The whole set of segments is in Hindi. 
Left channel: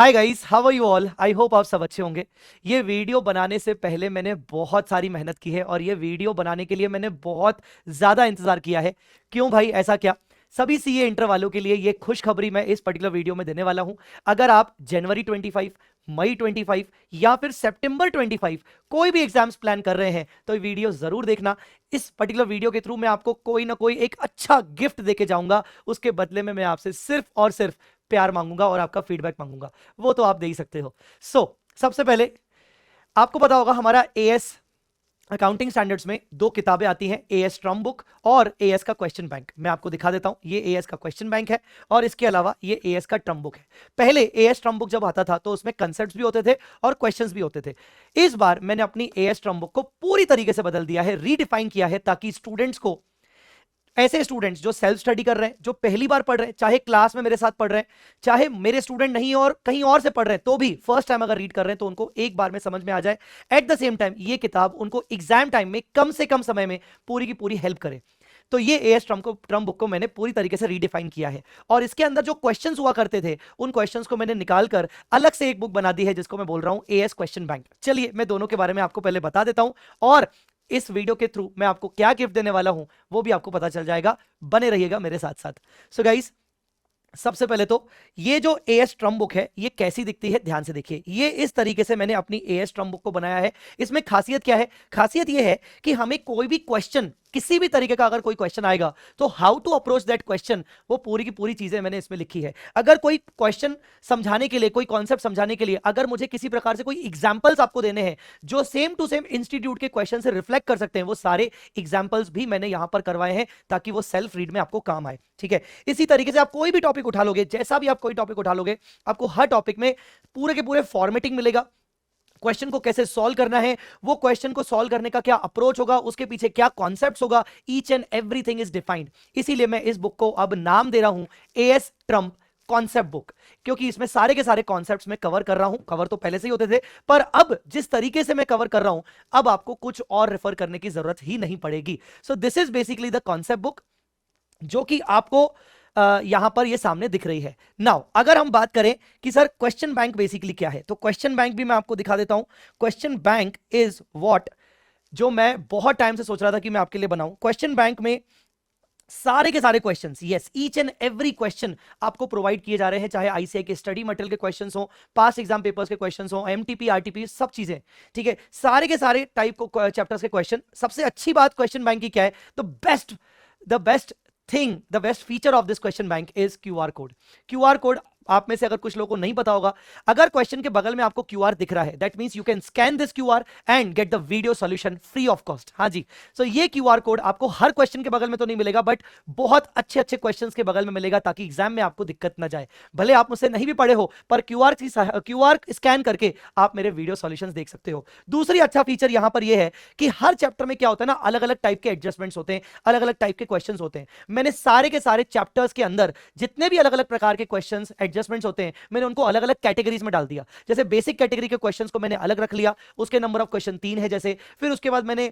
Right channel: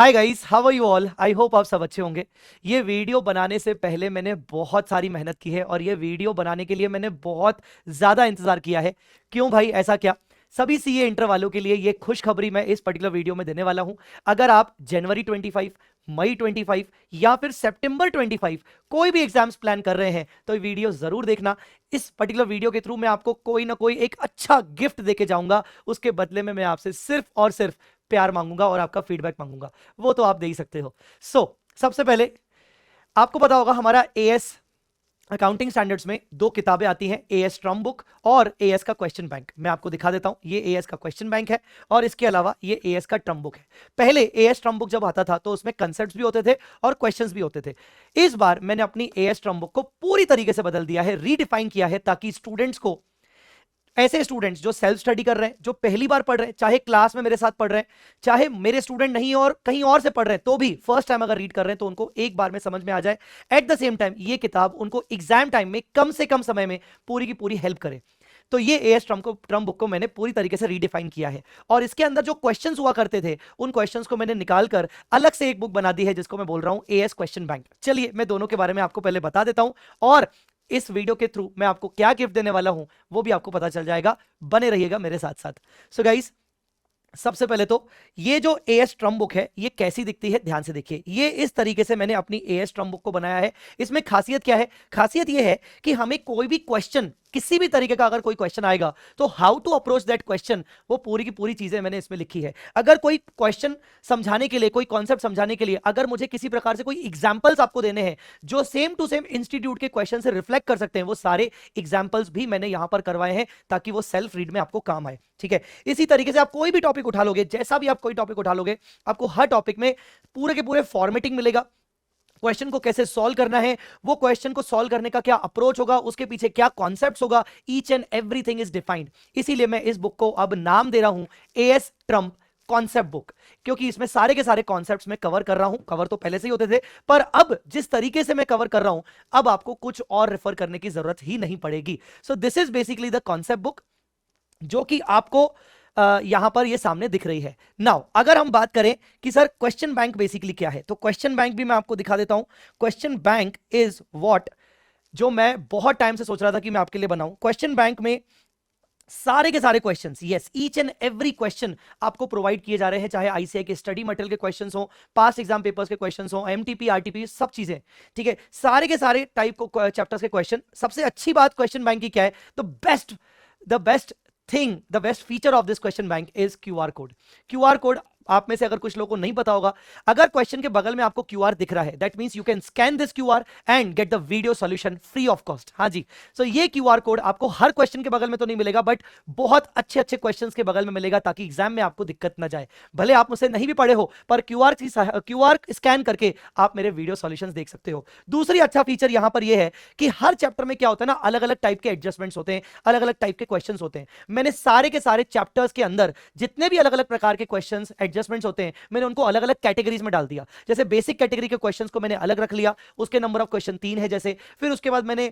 Hi guys, how are you all. I hope आप सब अच्छे होंगे। ये वीडियो बनाने से पहले मैंने बहुत सारी मेहनत की है और ये वीडियो बनाने के लिए मैंने बहुत ज़्यादा इंतज़ार किया है। क्यों भाई, ऐसा क्या? सभी सीए इंटर वालों के लिए ये खुशखबरी मैं इस पर्टिकुलर वीडियो में देने वाला हूं। अगर आप जनवरी 25, मई 25 या फिर सितंबर 25 कोई भी एग्जाम्स प्लान कर रहे हैं तो ये वीडियो ज़रूर देखना। इस पर्टिकुलर वीडियो के थ्रू मैं आपको कोई ना कोई एक अच्छा गिफ्ट देके जाऊंगा। उसके बदले में मैं आपसे सिर्फ और सिर्फ प्यार मांगूंगा और आपका फीडबैक मांगूंगा। वो तो आप दे ही सकते हो। सबसे पहले आपको पता होगा हमारा एएस अकाउंटिंग स्टैंडर्ड्स में दो किताबें आती हैं, एएस ट्रम बुक और एएस का क्वेश्चन बैंक। मैं आपको दिखा देता हूं, ये एएस का क्वेश्चन बैंक है और इसके अलावा ये एएस का ट्रम बुक है। पहले एएस ट्रम बुक जब आता था तो उसमें कंसेप्ट्स भी होते थे और क्वेश्चंस भी होते थे। इस बार मैंने अपनी एएस ट्रम बुक को पूरी तरीके से बदल दिया है, रीडिफाइन किया है, ताकि स्टूडेंट्स को, ऐसे स्टूडेंट्स जो सेल्फ स्टडी कर रहे हैं, जो पहली बार पढ़ रहे हैं, चाहे क्लास में मेरे साथ पढ़ रहे हैं, चाहे मेरे स्टूडेंट नहीं और कहीं और से पढ़ रहे हैं, तो भी फर्स्ट टाइम अगर रीड कर रहे हैं तो उनको एक बार में समझ में आ जाए। एट द सेम टाइम ये किताब उनको एग्जाम टाइम में कम से कम समय में पूरी की पूरी हेल्प करे। तो ये एएस ट्रम बुक को मैंने पूरी तरीके से रीडिफाइन किया है और इसके अंदर जो क्वेश्चंस हुआ करते थे उन क्वेश्चंस को मैंने निकालकर अलग से एक बुक बना दी है, जिसको मैं बोल रहा हूं एएस क्वेश्चन बैंक। चलिए मैं दोनों के बारे में आपको पहले बता देता हूं और इस वीडियो के थ्रू मैं आपको क्या गिफ्ट देने वाला हूं वो भी आपको पता चल जाएगा। बने रहिएगा मेरे साथ साथ। सो गाइस, सबसे पहले तो ये जो एएस ट्रम बुक है ये कैसी दिखती है, ध्यान से देखिए। ये इस तरीके से मैंने अपनी एएस ट्रम बुक को बनाया है। इसमें खासियत क्या है? खासियत ये है कि हमें कोई भी क्वेश्चन, किसी भी तरीके का अगर कोई क्वेश्चन आएगा तो how to approach that question, वो पूरी की पूरी चीजें मैंने इसमें लिखी है। अगर कोई क्वेश्चन समझाने के लिए, कोई कॉन्सेप्ट समझाने के लिए अगर मुझे किसी प्रकार से कोई एग्जांपल्स आपको देने हैं जो सेम टू सेम इंस्टीट्यूट के क्वेश्चन से रिफ्लेक्ट कर सकते हैं, वो सारे एग्जांपल्स भी मैंने यहां पर करवाए हैं ताकि वो सेल्फ रीड में आपको काम आए। ठीक है, इसी तरीके से आप कोई भी टॉपिक उठा लोगे, जैसा भी आप कोई टॉपिक उठा लोगे, आपको हर टॉपिक में पूरे के पूरे फॉर्मेटिंग मिलेगा। क्वेश्चन को कैसे सॉल्व करना है, वो क्वेश्चन को सॉल्व करने का क्या अप्रोच होगा, उसके पीछे क्या कॉन्सेप्ट्स होगा, each and everything is defined. इसीलिए मैं इस बुक को अब नाम दे रहा हूं एएस ट्रम्प कॉन्सेप्ट बुक, क्योंकि इसमें सारे के सारे कॉन्सेप्ट्स मैं कवर कर रहा हूं। कवर तो पहले से ही होते थे, पर अब जिस तरीके से मैं कवर कर रहा हूं, अब आपको कुछ और रेफर करने की जरूरत ही नहीं पड़ेगी। So this is basically the concept book जो कि आपको यहां पर ये सामने दिख रही है। नाउ अगर हम बात करें कि सर क्वेश्चन बैंक बेसिकली क्या है, तो क्वेश्चन बैंक भी मैं आपको दिखा देता हूं। क्वेश्चन बैंक इज व्हाट, जो मैं बहुत टाइम से सोच रहा था कि मैं आपके लिए बनाऊं। क्वेश्चन बैंक में सारे के सारे questions, yes, each and every question आपको प्रोवाइड किए जा रहे हैं, चाहे आईसीआई के स्टडी मटेरियल के क्वेश्चंस हो, पास्ट एग्जाम पेपर्स के क्वेश्चंस हो, एमटीपी आरटीपी, सब चीजें। ठीक है, सारे के सारे टाइप को चैप्टर्स के क्वेश्चन। सबसे अच्छी बात क्वेश्चन बैंक की क्या है? The best thing, the best feature of this question bank is QR code. QR code आप में से अगर कुछ लोगों को नहीं पता होगा, अगर क्वेश्चन के बगल में आपको क्यूआर दिख रहा है, that means you can scan this QR and get the video solution free of cost. हाँ जी, सो ये क्यूआर कोड आपको हर क्वेश्चन के बगल में तो नहीं मिलेगा, बट बहुत अच्छे अच्छे क्वेश्चंस के बगल में मिलेगा, ताकि एग्जाम में आपको दिक्कत ना जाए। भले आप मुझसे नहीं भी पढ़े हो, पर क्यूआर स्कैन करके आप मेरे वीडियो सॉल्यूशंस देख सकते हो। दूसरी अच्छा फीचर यहां पर यह है कि हर चैप्टर में क्या होता है ना, अलग अलग टाइप के एडजस्टमेंट्स होते हैं, अलग अलग टाइप के क्वेश्चंस होते हैं। मैंने सारे के सारे चैप्टर्स के अंदर जितने भी अलग अलग प्रकार के क्वेश्चंस एडजस्टमेंट्स होते हैं, मैंने उनको अलग अलग कैटेगरीज में डाल दिया। जैसे बेसिक कैटेगरी के क्वेश्चंस को मैंने अलग रख लिया, उसके नंबर ऑफ क्वेश्चन 3 है जैसे। फिर उसके बाद मैंने,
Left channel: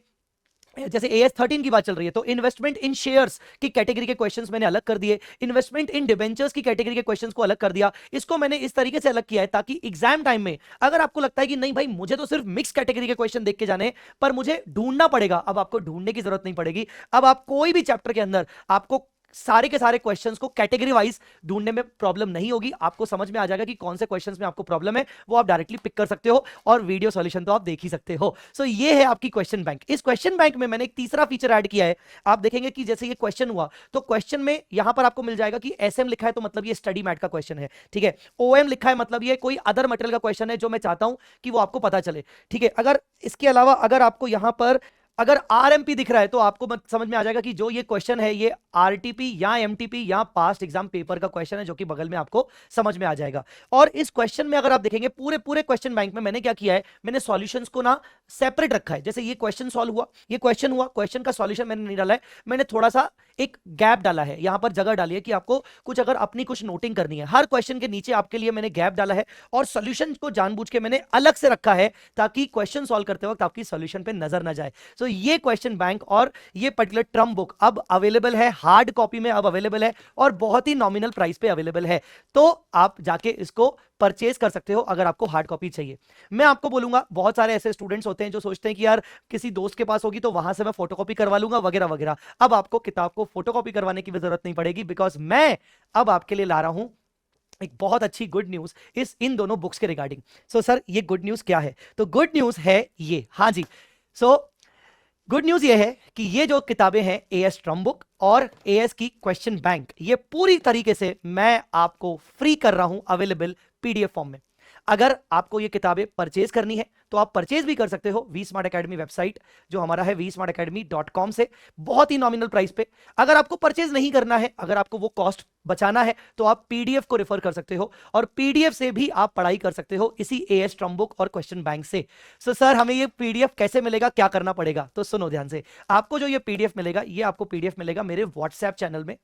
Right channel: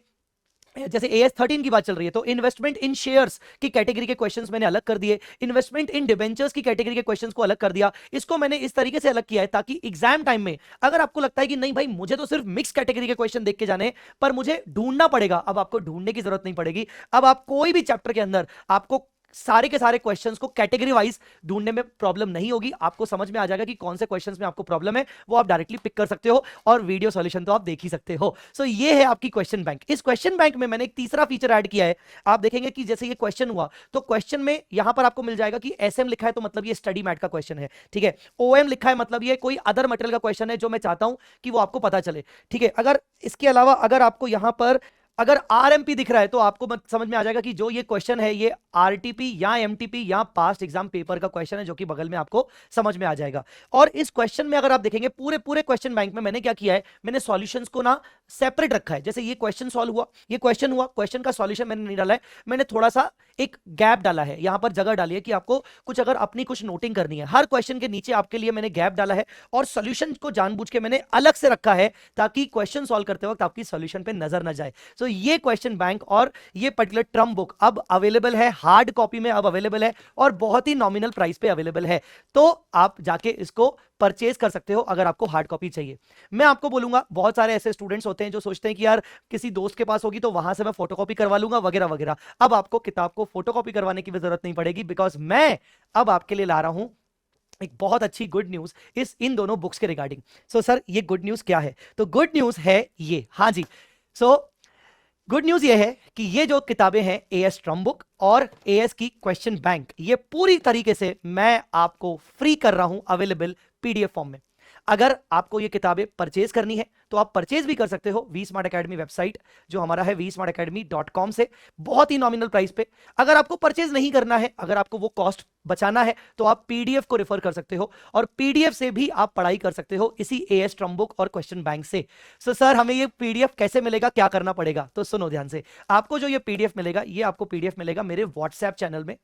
जैसे एएस 13 की बात चल रही है, तो इन्वेस्टमेंट इन शेयर्स की कैटेगरी के क्वेश्चंस मैंने अलग कर दिए, इन्वेस्टमेंट इन डिबेंचर्स की कैटेगरी के क्वेश्चंस को अलग कर दिया। इसको मैंने इस तरीके से अलग किया है ताकि एग्जाम टाइम में अगर आपको लगता है कि नहीं भाई मुझे तो सिर्फ मिक्स कैटेगरी के क्वेश्चन देख के जाने, पर मुझे ढूंढना पड़ेगा, अब आपको ढूंढने की जरूरत नहीं पड़ेगी। अब आप कोई भी चैप्टर के अंदर आपको सारे के सारे क्वेश्चंस को कैटेगरी वाइज ढूंढने में प्रॉब्लम नहीं होगी। आपको समझ में आ जाएगा कि कौन से क्वेश्चंस में आपको प्रॉब्लम है, वो आप डायरेक्टली पिक कर सकते हो और वीडियो सॉल्यूशन तो आप देख ही सकते हो। सो ये है आपकी क्वेश्चन बैंक। इस क्वेश्चन बैंक में मैंने एक तीसरा फीचर ऐड किया है। आप देखेंगे कि जैसे ये क्वेश्चन हुआ तो क्वेश्चन में यहां पर आपको मिल जाएगा कि एसएम लिखा है तो मतलब ये स्टडी मैट का क्वेश्चन है। ठीक है, ओएम लिखा है मतलब ये कोई अदर मटेरियल का क्वेश्चन है जो मैं चाहता हूं कि वो आपको पता चले। ठीक है, अगर इसके अलावा अगर आपको यहां पर अगर आरएमपी दिख रहा है तो आपको समझ में आ जाएगा कि जो ये क्वेश्चन है ये आरटीपी या एमटीपी या पास्ट एग्जाम पेपर का क्वेश्चन है, जो कि बगल में आपको समझ में आ जाएगा। और इस क्वेश्चन में अगर आप देखेंगे पूरे पूरे क्वेश्चन बैंक में मैंने क्या किया है, मैंने सॉल्यूशंस को ना सेपरेट रखा है। जैसे ये क्वेश्चन सॉल्व हुआ, ये क्वेश्चन हुआ, क्वेश्चन का सॉल्यूशन मैंने नहीं डाला है, मैंने थोड़ा सा एक गैप डाला है, यहां पर जगह डाली है कि आपको कुछ अगर अपनी कुछ नोटिंग करनी है, हर क्वेश्चन के नीचे आपके लिए मैंने गैप डाला है और सॉल्यूशन को जानबूझ के मैंने अलग से रखा है ताकि क्वेश्चन सॉल्व करते वक्त आपकी सॉल्यूशन पे नजर ना जाए। तो ये क्वेश्चन बैंक और ये पर्टिकुलर ट्रम बुक अब अवेलेबल है, हार्ड कॉपी में अब अवेलेबल है और बहुत ही नॉमिनल प्राइस पे अवेलेबल है। तो आप जाके इसको परचेज कर सकते हो अगर आपको हार्ड कॉपी चाहिए। मैं आपको बोलूंगा, बहुत सारे ऐसे स्टूडेंट्स होते हैं जो सोचते हैं कि यार किसी दोस्त के पास होगी तो वहां से मैं फोटोकॉपी करवा लूंगा वगैरह वगैरह। अब आपको किताब को फोटोकॉपी करवाने की भी जरूरत नहीं पड़ेगी, बिकॉज मैं अब आपके लिए ला रहा हूं एक बहुत अच्छी गुड न्यूज इस इन दोनों बुक्स के रिगार्डिंग। सो सर ये गुड न्यूज क्या है? तो गुड न्यूज है ये, हाँ जी, सो गुड न्यूज ये है कि ये जो किताबें हैं एएस ट्रम बुक और एएस की क्वेश्चन बैंक, ये पूरी तरीके से मैं आपको फ्री कर रहा हूं अवेलेबल पीडीएफ फॉर्म में। अगर आपको ये किताबें परचेज करनी है तो आप परचेज भी कर सकते हो वी स्मार्ट अकेडमी वेबसाइट जो हमारा है vsmartacademy.com से, बहुत ही नॉमिनल प्राइस पे। अगर आपको परचेज नहीं करना है, अगर आपको वो कॉस्ट बचाना है, तो आप पीडीएफ को रेफर कर सकते हो और पीडीएफ से भी आप पढ़ाई कर सकते हो इसी एएस ट्रम बुक और क्वेश्चन बैंक से। सो सर हमें ये पीडीएफ कैसे मिलेगा, क्या करना पड़ेगा? तो सुनो ध्यान से, आपको जो ये पीडीएफ मिलेगा, ये आपको पीडीएफ मिलेगा मेरे व्हाट्सएप चैनल में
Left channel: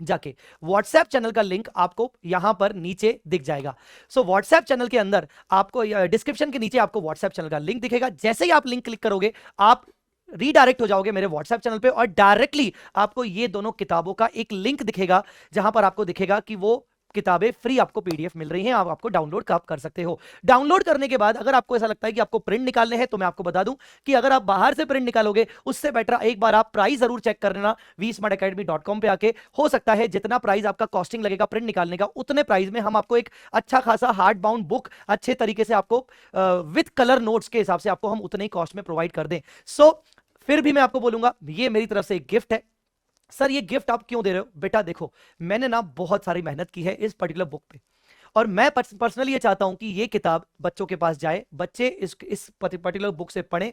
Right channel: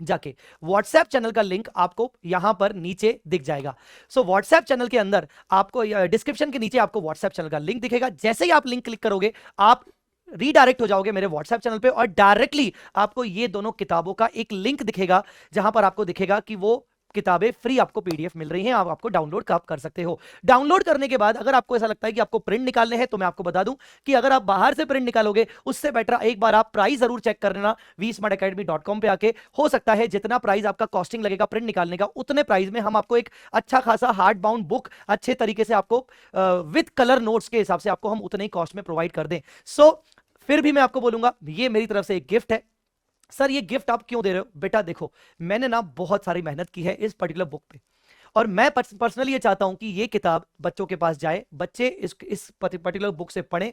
जाके। व्हाट्सएप चैनल का लिंक आपको यहां पर नीचे दिख जाएगा। सो व्हाट्सएप चैनल के अंदर आपको डिस्क्रिप्शन के नीचे आपको व्हाट्सएप चैनल का लिंक दिखेगा। जैसे ही आप लिंक क्लिक करोगे आप रीडायरेक्ट हो जाओगे मेरे व्हाट्सएप चैनल पे और डायरेक्टली आपको ये दोनों किताबों का एक लिंक दिखेगा जहां पर आपको दिखेगा कि वो किताबें फ्री आपको पीडीएफ मिल रही हैं, आप आपको डाउनलोड कर सकते हो। डाउनलोड करने के बाद अगर आपको ऐसा लगता है कि आपको प्रिंट निकालने हैं, तो मैं आपको बता दूं कि अगर आप बाहर से प्रिंट निकालोगे उससे बेटर एक बार आप प्राइस जरूर चेक कर लेना vsmartacademy.com पे आके। हो सकता है जितना प्राइस आपका कॉस्टिंग लगेगा प्रिंट निकालने का, उतने प्राइस में हम आपको एक अच्छा खासा हार्ड बाउंड बुक अच्छे तरीके से आपको विद कलर नोट्स के हिसाब से आपको हम उतने ही कॉस्ट में प्रोवाइड कर दें। सो फिर भी मैं आपको बोलूंगा ये मेरी तरफ से एक गिफ्ट है। सर ये गिफ्ट आप क्यों दे रहे हो? बेटा देखो, मैंने ना बहुत सारी मेहनत की है इस पर्टिकुलर बुक पे और मैं पर्सनली ये चाहता हूं कि ये किताब बच्चों के पास जाए, बच्चे इस पर्टिकुलर बुक से पढ़ें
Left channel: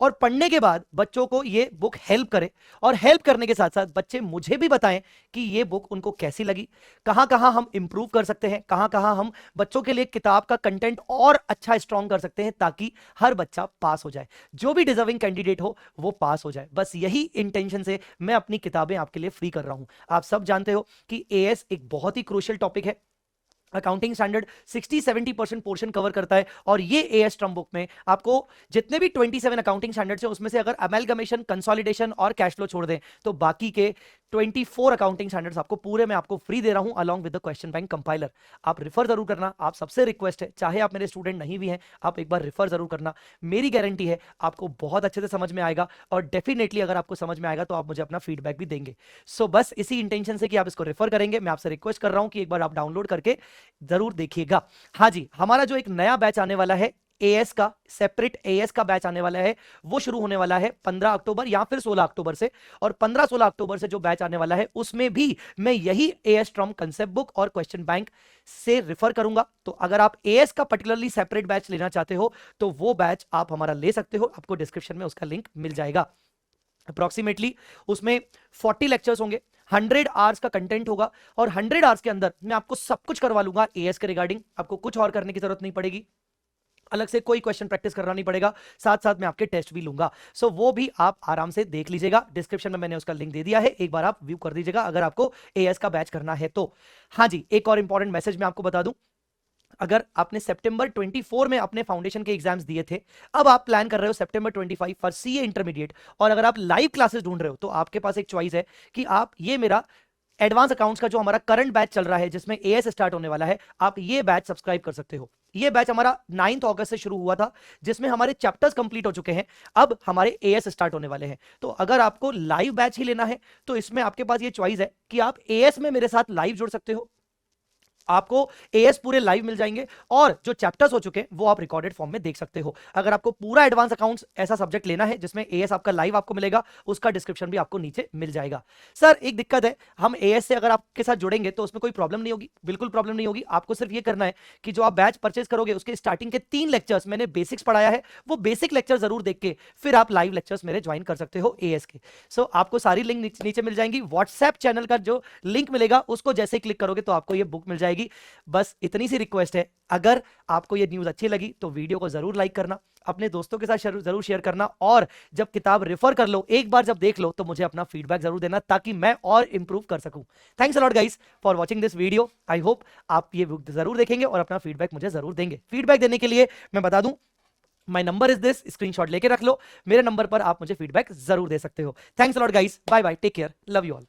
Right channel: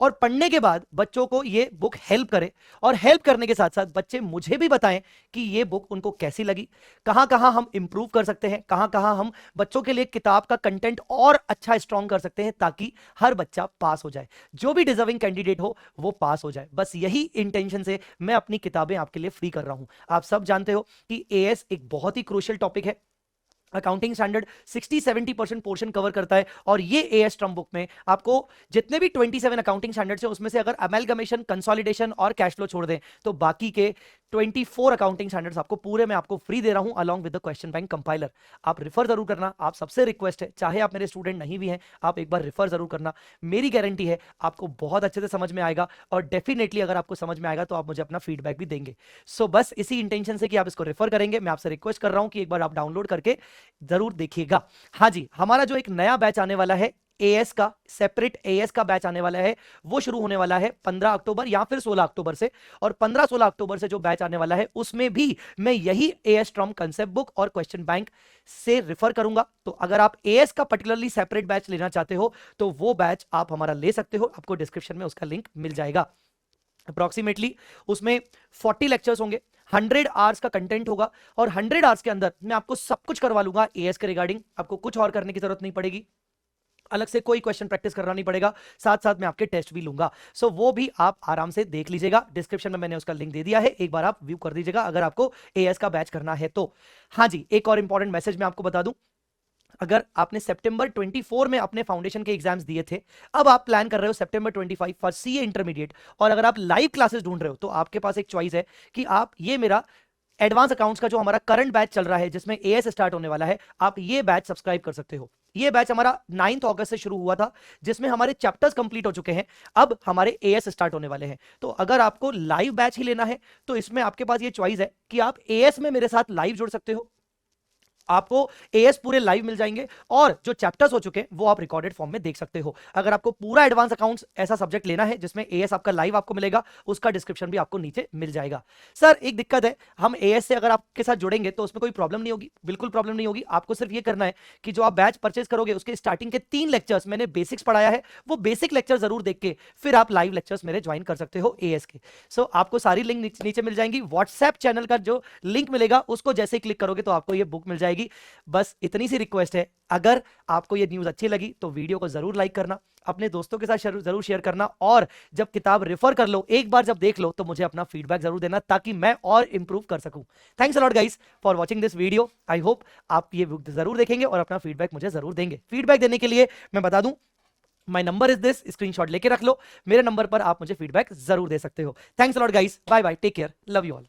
और पढ़ने के बाद बच्चों को ये बुक हेल्प करे और हेल्प करने के साथ साथ बच्चे मुझे भी बताएं कि ये बुक उनको कैसी लगी, कहां कहां हम इंप्रूव कर सकते हैं, कहां कहां हम बच्चों के लिए किताब का कंटेंट और अच्छा स्ट्रॉन्ग कर सकते हैं ताकि हर बच्चा पास हो जाए, जो भी डिजर्विंग कैंडिडेट हो वो पास हो जाए। बस यही इंटेंशन से मैं अपनी किताबें आपके लिए फ्री कर रहा हूं। आप सब जानते हो कि एएस एक बहुत ही क्रूशियल टॉपिक है। अकाउंटिंग स्टैंडर्ड 60-70% पोर्शन कवर करता है और ये एएस ट्रम बुक में आपको जितने भी 27 अकाउंटिंग स्टैंडर्ड्स है उसमें से अगर अमेलगमेशन, कंसोलिडेशन और कैश फ्लो छोड़ दें तो बाकी के 24 अकाउंटिंग स्टैंडर्ड्स आपको पूरे में आपको फ्री दे रहा हूं along with the question bank compiler. आप रिफर जरूर करना, आप सबसे रिक्वेस्ट है, चाहे आप मेरे स्टूडेंट नहीं भी हैं, आप एक बार रिफर जरूर करना। मेरी गारंटी है आपको बहुत अच्छे से समझ में आएगा और डेफिनेटली अगर आपको समझ में आएगा तो आप मुझे अपना फीडबैक भी देंगे। सो बस इसी इंटेंशन से कि आप इसको रेफर करेंगे, मैं आपसे रिक्वेस्ट कर रहा हूं कि एक बार आप डाउनलोड करके जरूर देखिएगा। हाँ जी, हमारा जो एक नया बैच आने वाला है एएस का, सेपरेट एएस का बैच आने वाला है, वो शुरू होने वाला है 15 अक्टूबर या फिर 16 अक्टूबर से। और 15-16 अक्टूबर से जो बैच आने वाला है उसमें भी मैं यही एएस ट्रम कंसेप्ट बुक और क्वेश्चन बैंक से रेफर करूंगा। तो अगर आप एएस का पर्टिकुलरली सेपरेट बैच लेना चाहते हो तो वो बैच आप हमारा ले सकते हो, आपको डिस्क्रिप्शन में उसका लिंक मिल जाएगा। अप्रोक्सीमेटली उसमें 40 लेक्चर्स होंगे, 100 आवर्स का कंटेंट होगा और 100 आवर्स के अंदर मैं आपको सब कुछ करवा लूंगा एएस के रिगार्डिंग। आपको कुछ और करने की जरूरत नहीं पड़ेगी, अलग से कोई क्वेश्चन प्रैक्टिस करना नहीं पड़ेगा, साथ साथ मैं आपके टेस्ट भी लूंगा। सो वो भी आप आराम से देख लीजिएगा, डिस्क्रिप्शन में मैंने उसका लिंक दे दिया है, एक बार आप व्यू कर दीजिएगा अगर आपको एएस का बैच करना है तो। हाँ जी, एक और इंपॉर्टेंट मैसेज मैं आपको बता दूं, अगर आपने सितंबर 24 में अपने फाउंडेशन के एग्जाम्स दिए थे, अब आप प्लान कर रहे हो सितंबर 25 फॉर सीए इंटरमीडिएट और अगर आप लाइव क्लासेस ढूंढ रहे हो तो आपके पास एक चॉइस है कि आप ये मेरा एडवांस अकाउंट्स का जो हमारा करंट बैच चल रहा है जिसमें एएस स्टार्ट होने वाला है, आप ये बैच सब्सक्राइब कर सकते हो। ये बैच हमारा 9 अगस्त से शुरू हुआ था जिसमें हमारे चैप्टर्स कंप्लीट हो चुके हैं, अब हमारे एएस स्टार्ट होने वाले हैं। तो अगर आपको लाइव बैच ही लेना है तो इसमें आपके पास ये चॉइस है कि आप एएस में मेरे साथ लाइव जुड़ सकते हो, आपको एएस पूरे लाइव मिल जाएंगे और जो चैप्टर्स हो चुके हैं वो आप रिकॉर्डेड फॉर्म में देख सकते हो। अगर आपको पूरा एडवांस अकाउंट्स ऐसा सब्जेक्ट लेना है जिसमें एएस आपका लाइव आपको मिलेगा, उसका डिस्क्रिप्शन भी आपको नीचे मिल जाएगा। सर एक दिक्कत है, हम एएस से अगर आपके साथ जुड़ेंगे तो उसमें कोई प्रॉब्लम नहीं होगी, बिल्कुल प्रॉब्लम नहीं होगी। आपको सिर्फ ये करना है कि जो आप बैच परचेज करोगे उसके स्टार्टिंग के 3 लेक्चर्स मैंने बेसिक्स पढ़ाया है, वो बेसिक लेक्चर जरूर देख के फिर आप लाइव लेक्चर्स मेरे ज्वाइन कर सकते हो एएस के। सो आपको सारी लिंक नीचे मिल जाएंगी, व्हाट्सएप चैनल का जो लिंक मिलेगा उसको जैसे क्लिक करोगे तो आपको ये बुक मिल जाएगी। बस इतनी सी रिक्वेस्ट है, अगर आपको ये न्यूज अच्छी लगी तो वीडियो को जरूर लाइक करना, अपने दोस्तों के साथ जरूर शेयर करना और जब किताब रेफर कर लो, एक बार जब देख लो तो मुझे अपना फीडबैक जरूर देना ताकि मैं और इंप्रूव कर सकूं। Thanks a lot guys for watching this video. I hope आप ये बुक जरूर देखेंगे और अपना फीडबैक मुझे जरूर देंगे। फीडबैक देने के लिए मैं बता दूं, my number is this, screenshot लेके रख लो, मेरे नंबर पर आप मुझे फीडबैक जरूर दे सकते हो। Thanks a lot guys, bye bye, take care, love you all.